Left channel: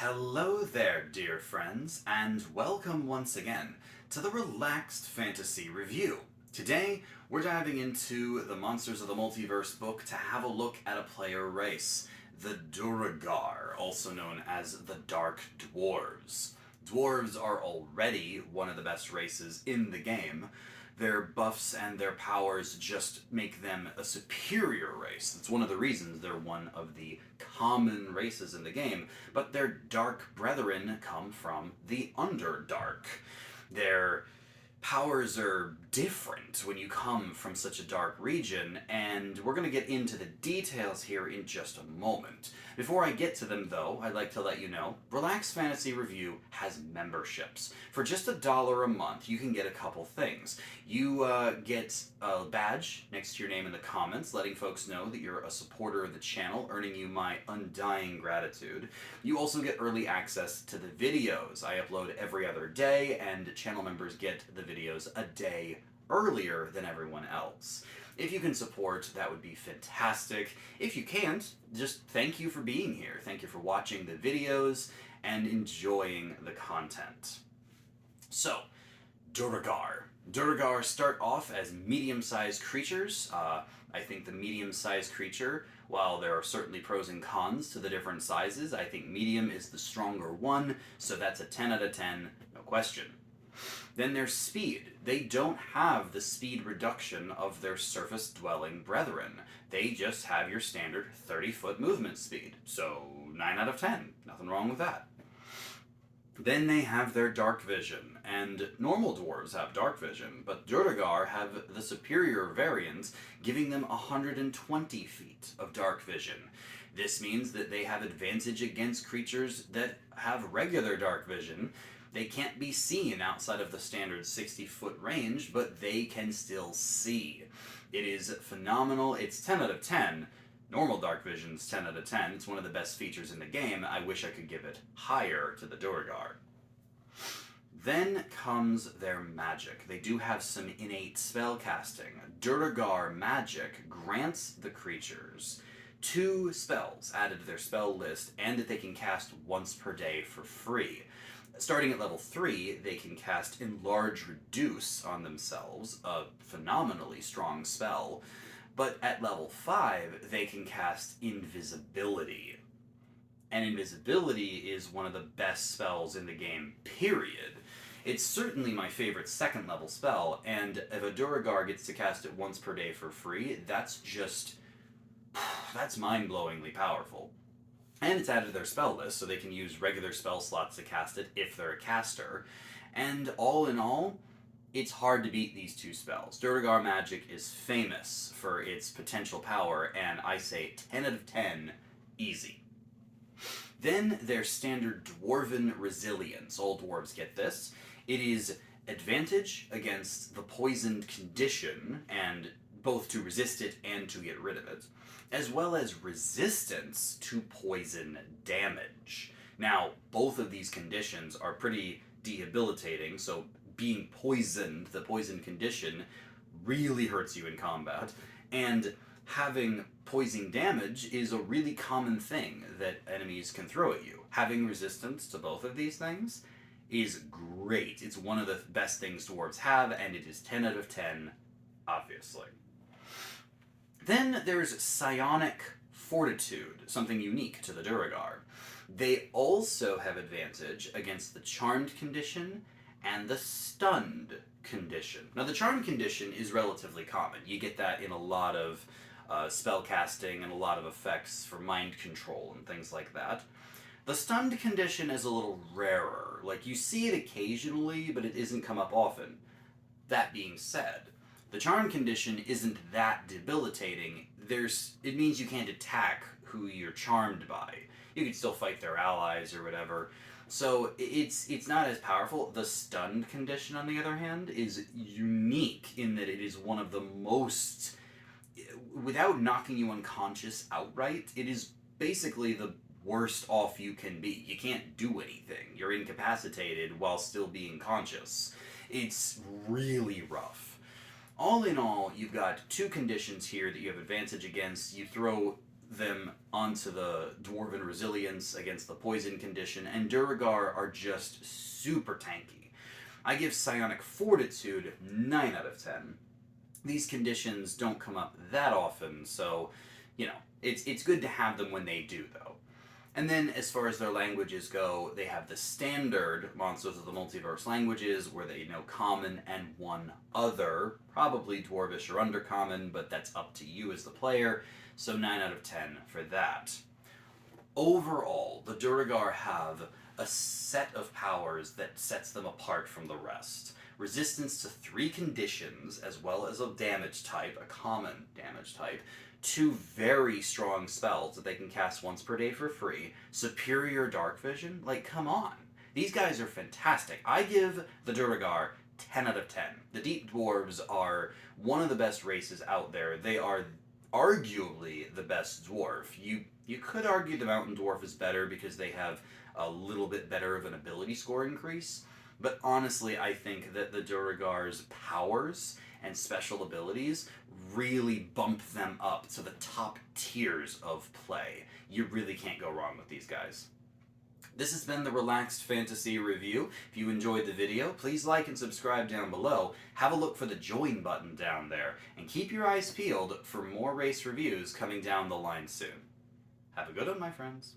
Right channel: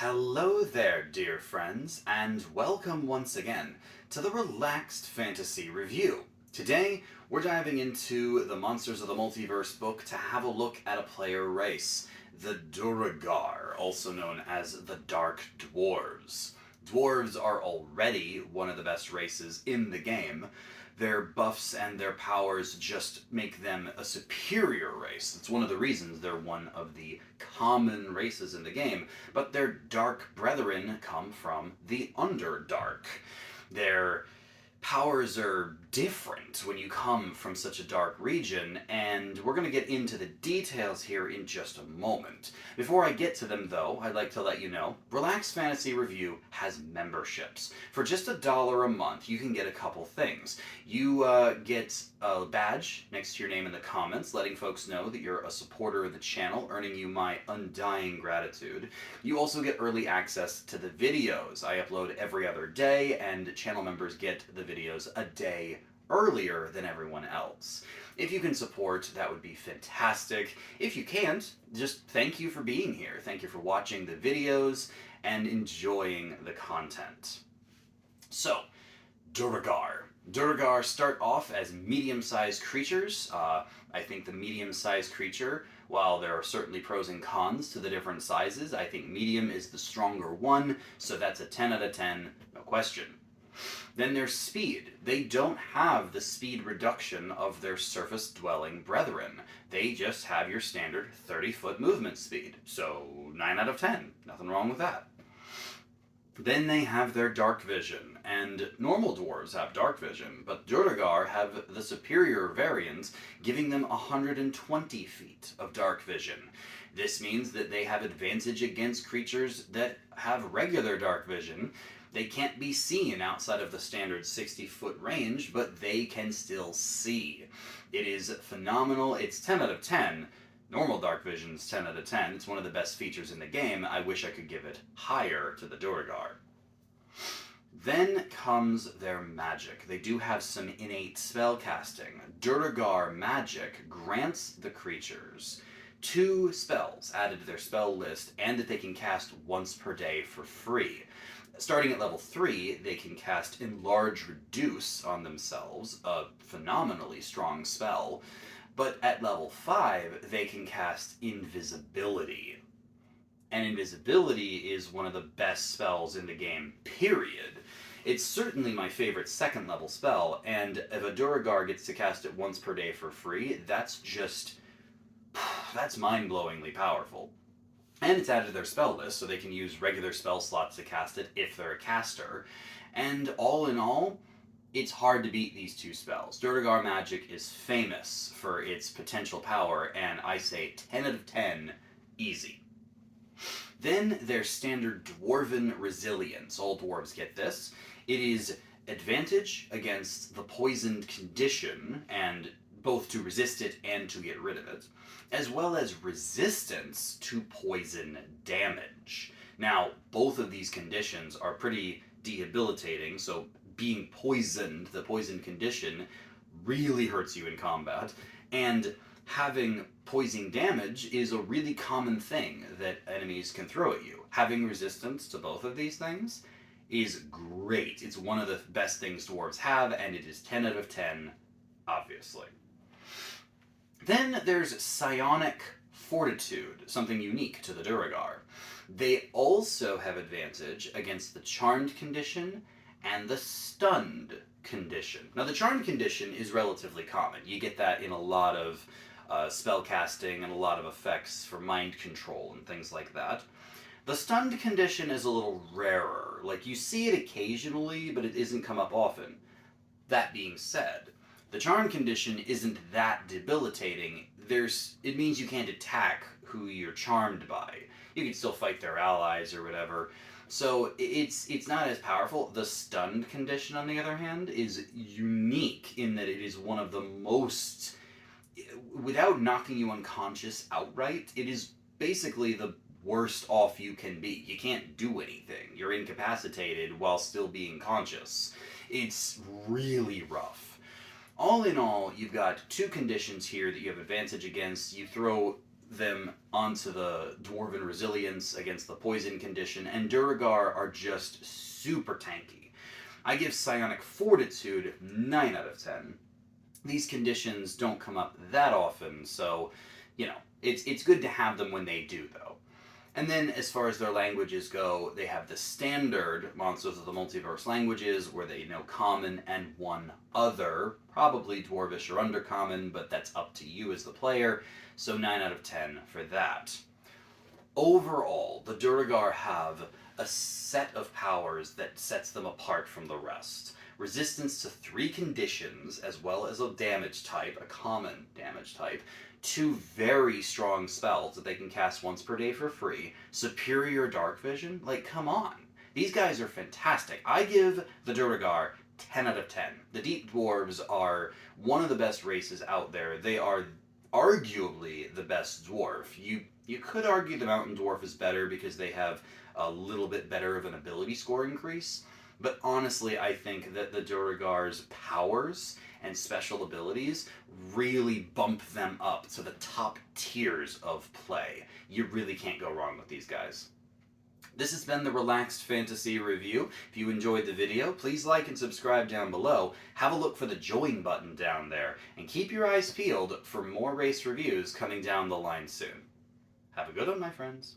Hello there, dear friends, and welcome once again to the Relaxed Fantasy Review. Today, we're diving into the Monsters of the Multiverse book to have a look at a player race, the Duergar, also known as the Dark Dwarves. Dwarves are already one of the best races in the game. Their buffs and their powers just make them a superior race. It's one of the reasons they're one of the common races in the game, but their dark brethren come from the Underdark. Their powers are different when you come from such a dark region, and we're going to get into the details here in just a moment. Before I get to them, though, I'd like to let you know, Relaxed Fantasy Review has memberships. For just $1 a month, you can get a couple things. You get a badge next to your name in the comments, letting folks know that you're a supporter of the channel, earning you my undying gratitude. You also get early access to the videos. I upload every other day, and channel members get the videos a day earlier than everyone else. If you can support, that would be fantastic. If you can't, just thank you for being here. Thank you for watching the videos and enjoying the content. So, Duergar. Duergar start off as medium-sized creatures. I think the medium-sized creature, while there are certainly pros and cons to the different sizes, I think medium is the stronger one, so that's a 10 out of 10, no question. Then their speed. They don't have the speed reduction of their surface-dwelling brethren. They just have your standard 30-foot movement speed. So 9 out of 10. Nothing wrong with that. Then they have their dark vision, and normal dwarves have dark vision, but Duergar have the superior variants, giving them 120 feet of dark vision. This means that they have advantage against creatures that have regular dark vision. They can't be seen outside of the standard 60-foot range, but they can still see. It is phenomenal. It's 10 out of 10. Normal dark vision's 10 out of 10. It's one of the best features in the game. I wish I could give it higher to the Duergar. Then comes their magic. They do have some innate spell casting. Duergar magic grants the creatures 2 spells added to their spell list, and that they can cast once per day for free. Starting at level 3, they can cast Enlarge Reduce on themselves, a phenomenally strong spell. But at level 5, they can cast Invisibility. And Invisibility is one of the best spells in the game, period. It's certainly my favorite second level spell, and if a Duergar gets to cast it once per day for free, that's mind-blowingly powerful. And it's added to their spell list, so they can use regular spell slots to cast it if they're a caster. And all in all, it's hard to beat these 2 spells. Duergar magic is famous for its potential power, and I say 10 out of 10, easy. Then their standard Dwarven Resilience. All dwarves get this. It is advantage against the poisoned condition, and both to resist it and to get rid of it, as well as resistance to poison damage. Now, both of these conditions are pretty debilitating, so being poisoned, the poison condition, really hurts you in combat, and having poison damage is a really common thing that enemies can throw at you. Having resistance to both of these things is great. It's one of the best things dwarves have, and it is 10 out of 10, obviously. Then there's Psionic Fortitude, something unique to the Duergar. They also have advantage against the Charmed condition and the Stunned condition. Now, the Charmed condition is relatively common. You get that in a lot of spell casting and a lot of effects for mind control and things like that. The Stunned condition is a little rarer. Like, you see it occasionally, but it doesn't come up often. That being said, the Charm condition isn't that debilitating. It means you can't attack who you're charmed by. You can still fight their allies or whatever. So it's not as powerful. The Stunned condition, on the other hand, is unique in that it is one of the most, without knocking you unconscious outright, it is basically the worst off you can be. You can't do anything. You're incapacitated while still being conscious. It's really rough. All in all, you've got 2 conditions here that you have advantage against. You throw them onto the Dwarven Resilience against the Poison condition, and Duergar are just super tanky. I give Psionic Fortitude 9 out of 10. These conditions don't come up that often, so, it's good to have them when they do, though. And then, as far as their languages go, they have the standard Monsters of the Multiverse languages, where they know Common and one other, probably Dwarvish or Undercommon, but that's up to you as the player, so 9 out of 10 for that. Overall, the Duergar have a set of powers that sets them apart from the rest. Resistance to 3 conditions, as well as a damage type, a common damage type, 2 very strong spells that they can cast once per day for free, superior dark vision, come on. These guys are fantastic. I give the Duergar 10 out of 10. The Deep Dwarves are one of the best races out there. They are arguably the best dwarf. You could argue the Mountain Dwarf is better because they have a little bit better of an ability score increase, but honestly, I think that the Duergar's powers and special abilities really bump them up to the top tiers of play. You really can't go wrong with these guys. This has been the Relaxed Fantasy Review. If you enjoyed the video, please like and subscribe down below. Have a look for the join button down there, and keep your eyes peeled for more race reviews coming down the line soon. Have a good one, my friends.